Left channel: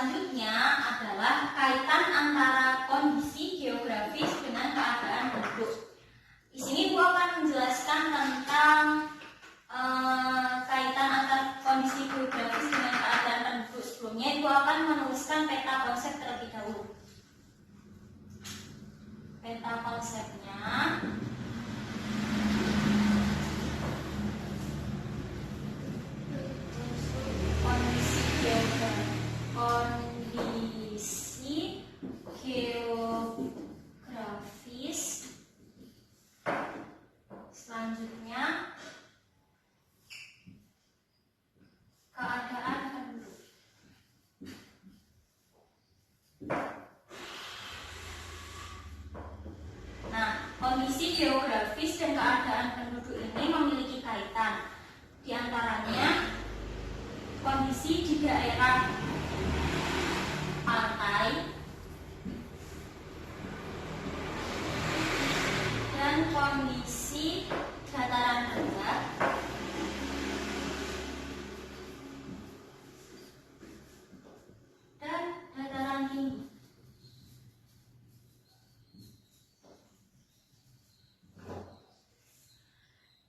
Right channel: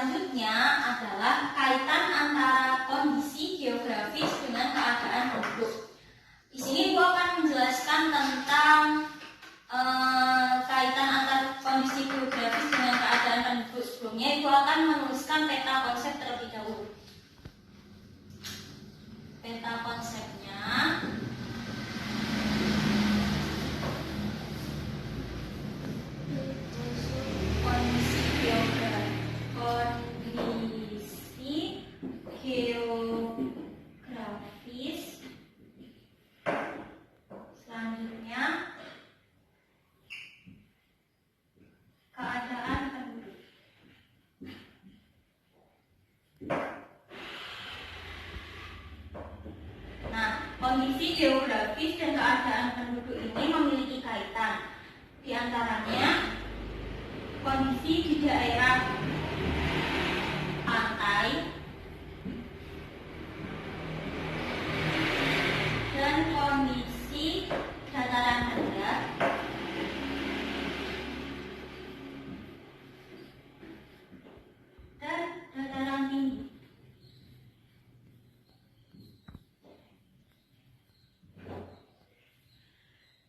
selanjutnya adalah kaitan antara kondisi geografis dengan keadaan penduduk. Di sini Bu akan menjelaskan tentang kaitan antara kondisi geografis dengan keadaan penduduk. Sebelumnya Ibu akan menuliskan peta konsep terlebih dahulu. Peta konsepnya kondisi geografis. Selanjutnya keadaan penduduk. Nah, kondisi geografis dan keadaan penduduk ini memiliki kaitan. Di antaranya kondisi di daerah pantai dan kondisi dataran rendah dan dataran tinggi.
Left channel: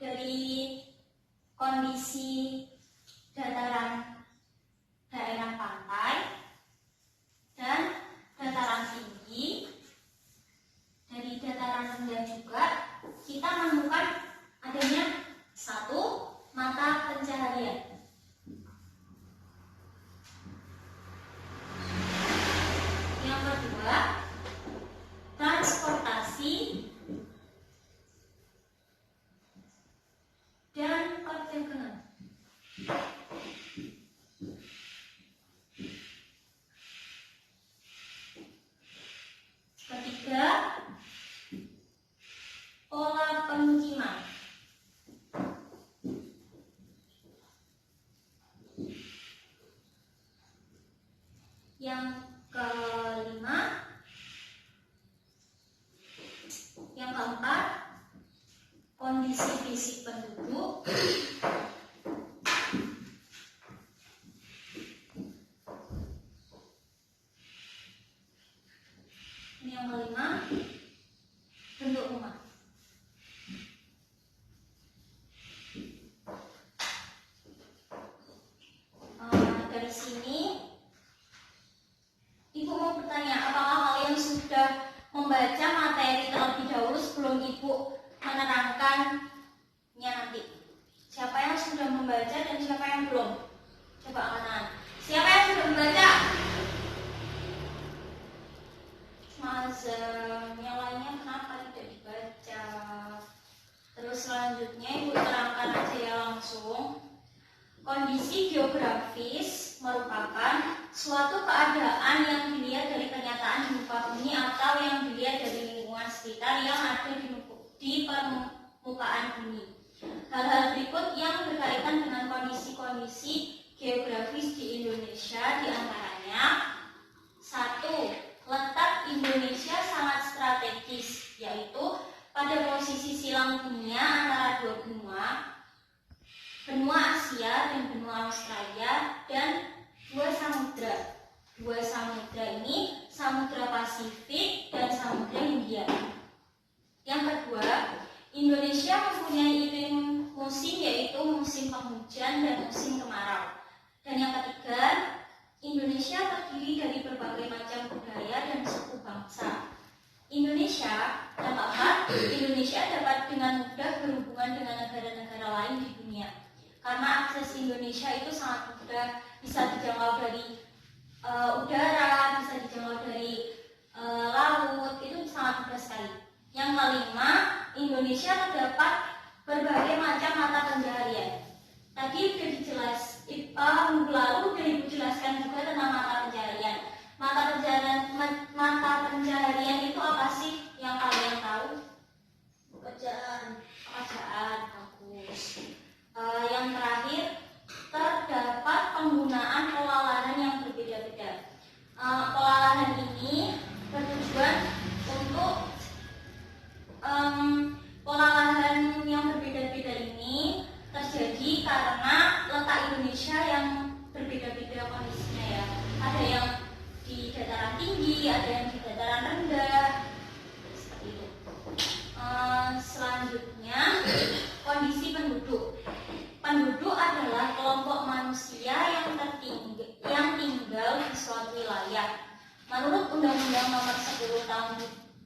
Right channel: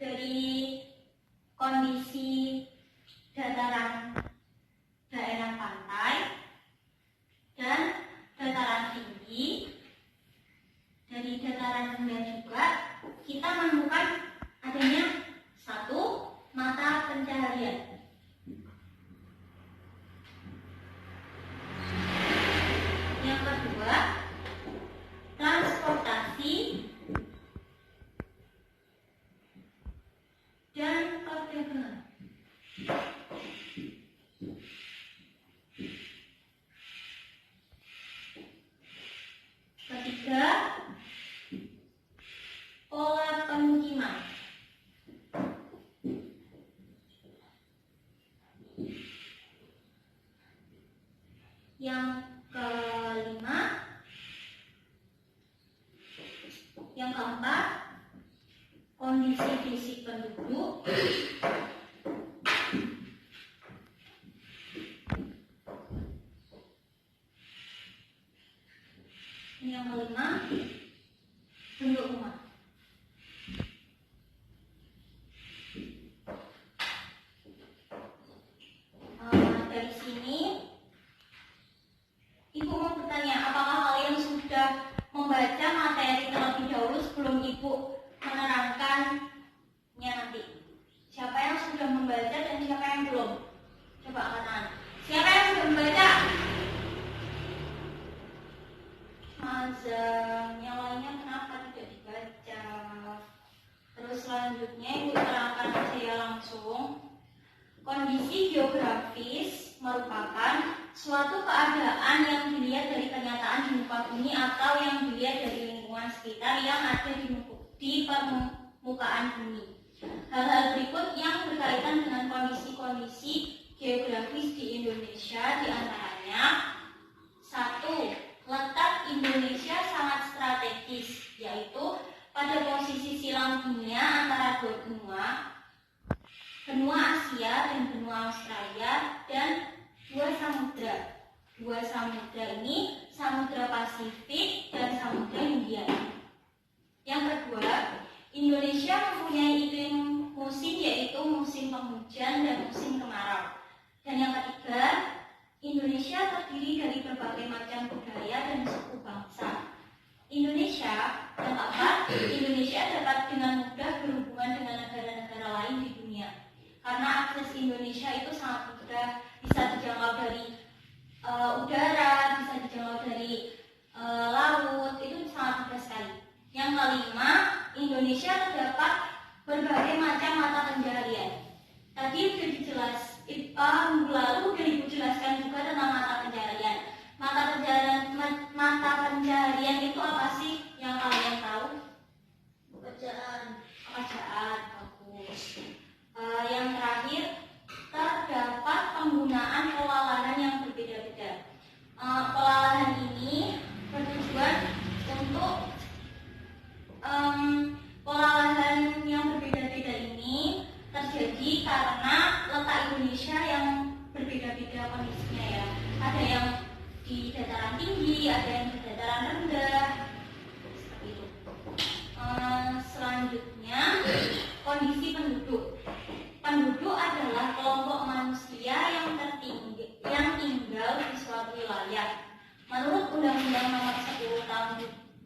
Dari kondisi dataran daerah pantai dan dataran tinggi, dari dataran rendah juga kita menemukan adanya satu mata pencaharian. Yang kedua, transportasi dan perdagangan. Ketiga, pola pemukiman. Yang kelima, yang keempat, kondisi fisik penduduk. Yang kelima, bentuk rumah. Dari sini Ibu mau bertanya, apakah kalian sudah membaca materi terlebih dahulu sebelum Ibu menerangkannya nanti? Siapa yang sudah membaca dan siapa yang belum? Coba angkat tangan. Siapa yang sudah membaca? Yang lainnya kenapa tidak dibaca? Terus selanjutnya Ibu terangkan aja ya langsung. Kondisi geografis merupakan suatu keadaan yang dilihat dari kenyataan di muka bumi atau yang dilihat dari lingkungan sekitar yang ada di permukaan bumi. Hal-hal berikut yang berkaitan dengan kondisi-kondisi geografis di Indonesia diantaranya: 1. Letak Indonesia sangat strategis, yaitu pada posisi silang dunia antara dua benua Asia dan benua Australia, dan dua samudra. Dua samudra ini Samudra Pasifik dan Samudra Hindia. Yang kedua, Indonesia mempunyai iklim musim, yaitu musim penghujan dan musim kemarau. Dan yang ketiga, Indonesia terdiri dari berbagai macam budaya dan suku bangsa. Indonesia dapat dengan mudah berhubungan dengan negara-negara lain di dunia. Karena akses Indonesia itu sangat mudah, bisa dijangkau dari udara, bisa dijangkau dari laut, itu sangat mudah sekali. Yang kelima, Indonesia terdapat berbagai macam mata pencaharian. Tadi sudah minggu lalu sudah Ibu jelaskan juga tentang mata pencaharian. Mata pencaharian itu apa sih yang kalian tahu? Pekerjaan, bagus. Yang terakhir, terdapat penggunaan pola lahan yang berbeda-beda. Pola lahan ini bertujuan untuk pola lahan yang berbeda-beda ini terjadi karena letak Indonesia yang berbeda-beda kondisinya ya. Ada yang ada yang di dataran rendah, seperti itu. Selanjutnya, kondisi penduduk. Penduduk adalah kelompok manusia yang tinggal di suatu wilayah. Menurut Undang-Undang Nomor 10 Tahun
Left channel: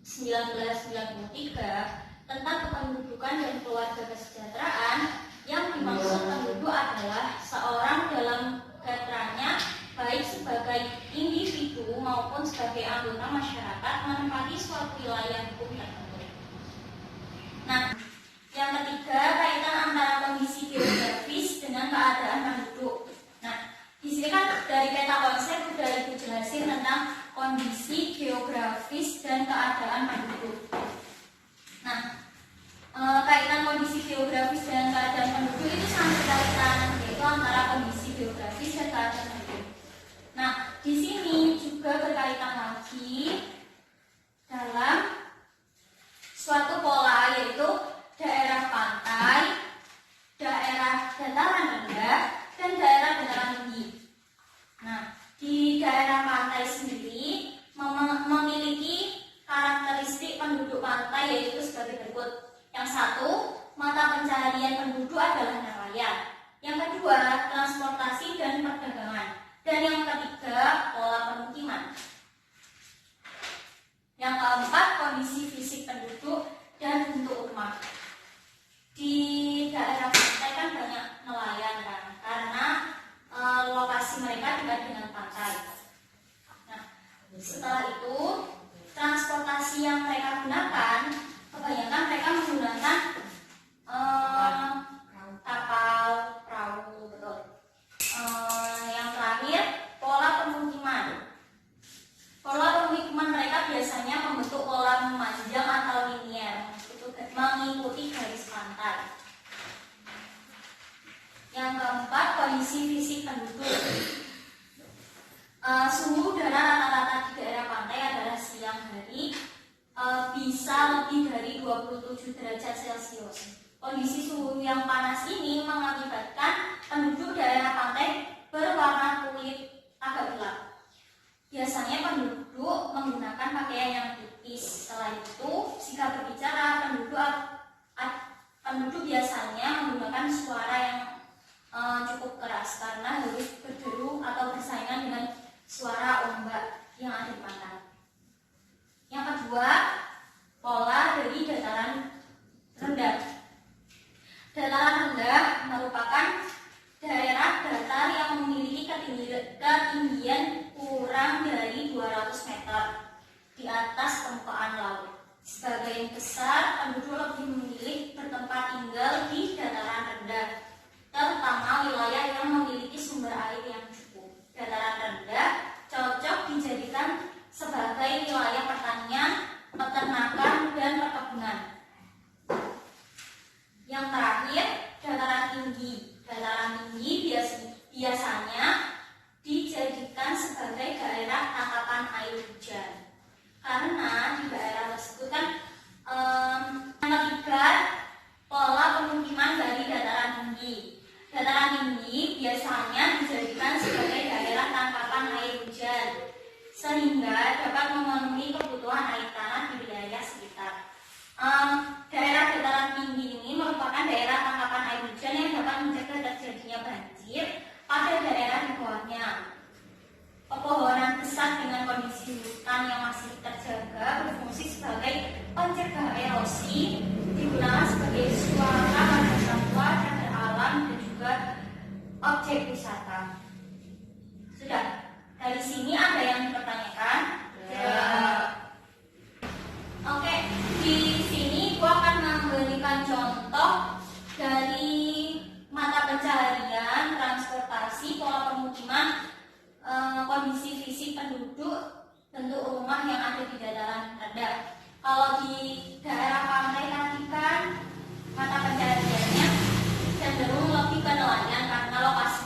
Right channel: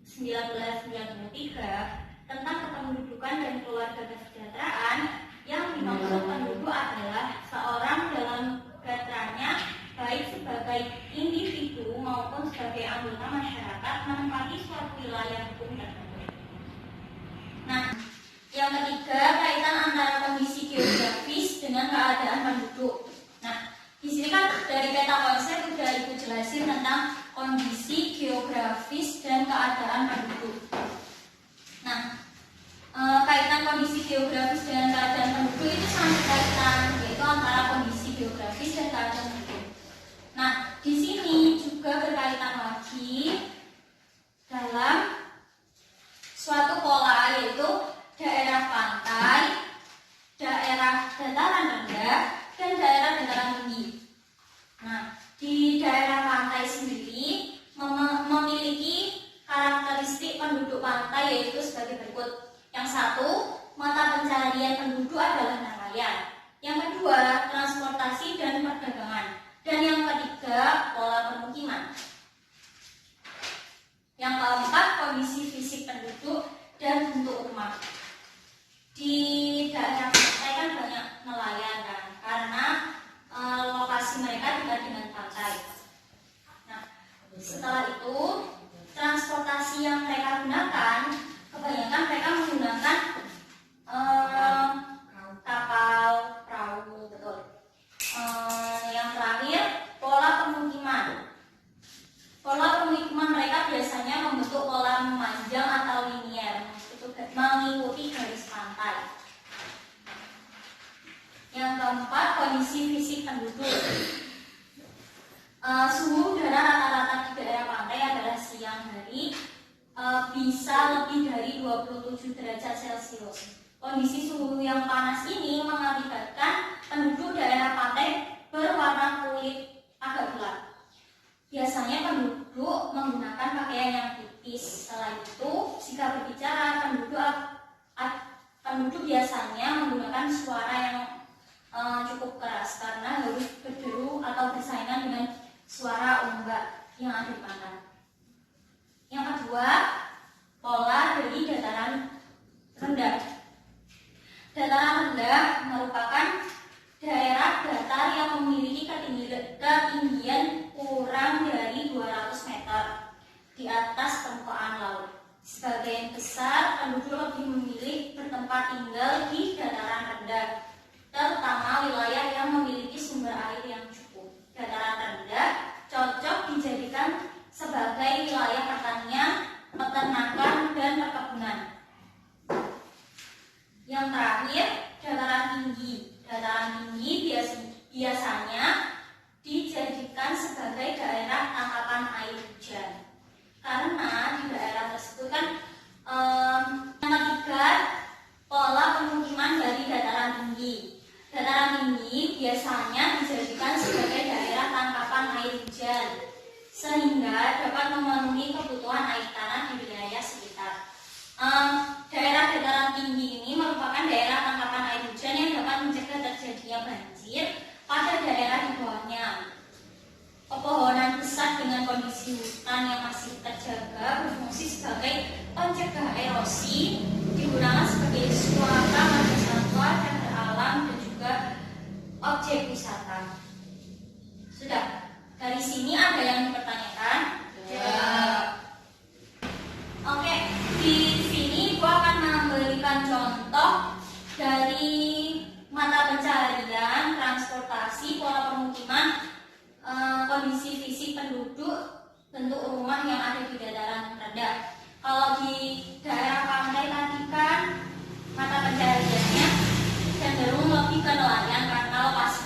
1993 tentang Kependudukan dan Keluarga Kesejahteraan, yang dimaksud penduduk adalah seorang dalam kaitannya baik sebagai individu maupun sebagai anggota masyarakat menempati suatu wilayah hukum tertentu. Nah, yang ketiga, kaitan antara kondisi geografis dengan keadaan penduduk. Nah, di sini kan dari peta konsep sudah Ibu jelasin tentang kondisi geografis dan keadaan penduduk. Nah, kaitan kondisi geografis dan keadaan penduduk itu sangat berkaitan, yaitu antara kondisi geografis dan keadaan penduduk. Nah, di sini juga berkaitan lagi dalam suatu pola, yaitu daerah pantai, daerah dataran rendah, dan daerah dataran tinggi. Nah, di daerah pantai sendiri memiliki karakteristik penduduk pantai, yaitu sebagai berikut. Yang satu, mata pencaharian penduduk adalah nelayan. Yang kedua, transportasi dan perdagangan. Dan yang ketiga, pola pemukiman. Yang keempat, kondisi fisik penduduk dan bentuk rumah. Di daerah pantai kan banyak nelayan kan, karena lokasi mereka dekat dengan pantai. Nah, setelah itu transportasi yang mereka gunakan, kebanyakan mereka menggunakan kapal, perahu, betul. Yang terakhir, pola pemukiman. Pola pemukiman mereka biasanya membentuk pola memanjang atau linier, itu mengikuti garis pantai. Yang keempat, kondisi fisik penduduk. Suhu udara rata-rata di daerah pantai adalah siang hari bisa lebih dari 27 derajat Celcius. Kondisi suhu yang panas ini mengakibatkan penduduk daerah pantai berwarna kulit agak gelap. Biasanya penduduk menggunakan pakaian yang tipis. Setelah itu, jika berbicara, penduduk biasanya menggunakan suara yang cukup keras karena harus berderu atau bersaingan dengan suara ombak yang ada di pantai. Yang kedua, pola dari dataran rendah. Dataran rendah merupakan daerah datar yang memiliki ketinggian kurang dari 200 meter di atas permukaan laut. Sebagian besar penduduk lebih memilih bertempat tinggal di dataran rendah, terutama wilayah yang memiliki sumber air yang cukup. Dataran rendah cocok dijadikan sebagai wilayah pertanian, peternakan, dan perkebunan. Yang terakhir, dataran tinggi. Dataran tinggi biasanya dijadikan sebagai daerah tangkapan air hujan, karena di daerah tersebut kan yang ketiga, pola pemukiman dari dataran tinggi. Dataran tinggi biasanya dijadikan sebagai daerah tangkapan air hujan, sehingga dapat memenuhi kebutuhan air tanah di wilayah sekitar. Daerah dataran tinggi ini merupakan daerah tangkapan air hujan yang dapat mencegah terjadinya banjir pada daerah di bawahnya. Pepohonan besar dengan kondisi hutan yang masih terjaga berfungsi sebagai pencegah erosi, digunakan sebagai suaka marga satwa, cagar alam, dan juga objek wisata. Sudah, dari sini ada yang dipertanyakan? Ya. Oke, di sini gua akan memberikan contoh dari mata pencaharian, transportasi, pola pemukiman, kondisi fisik penduduk, bentuk rumah yang ada di dataran rendah. Kalau di daerah pantai tadi kan mata pencahariannya cenderung lebih ke nelayan karena lokasi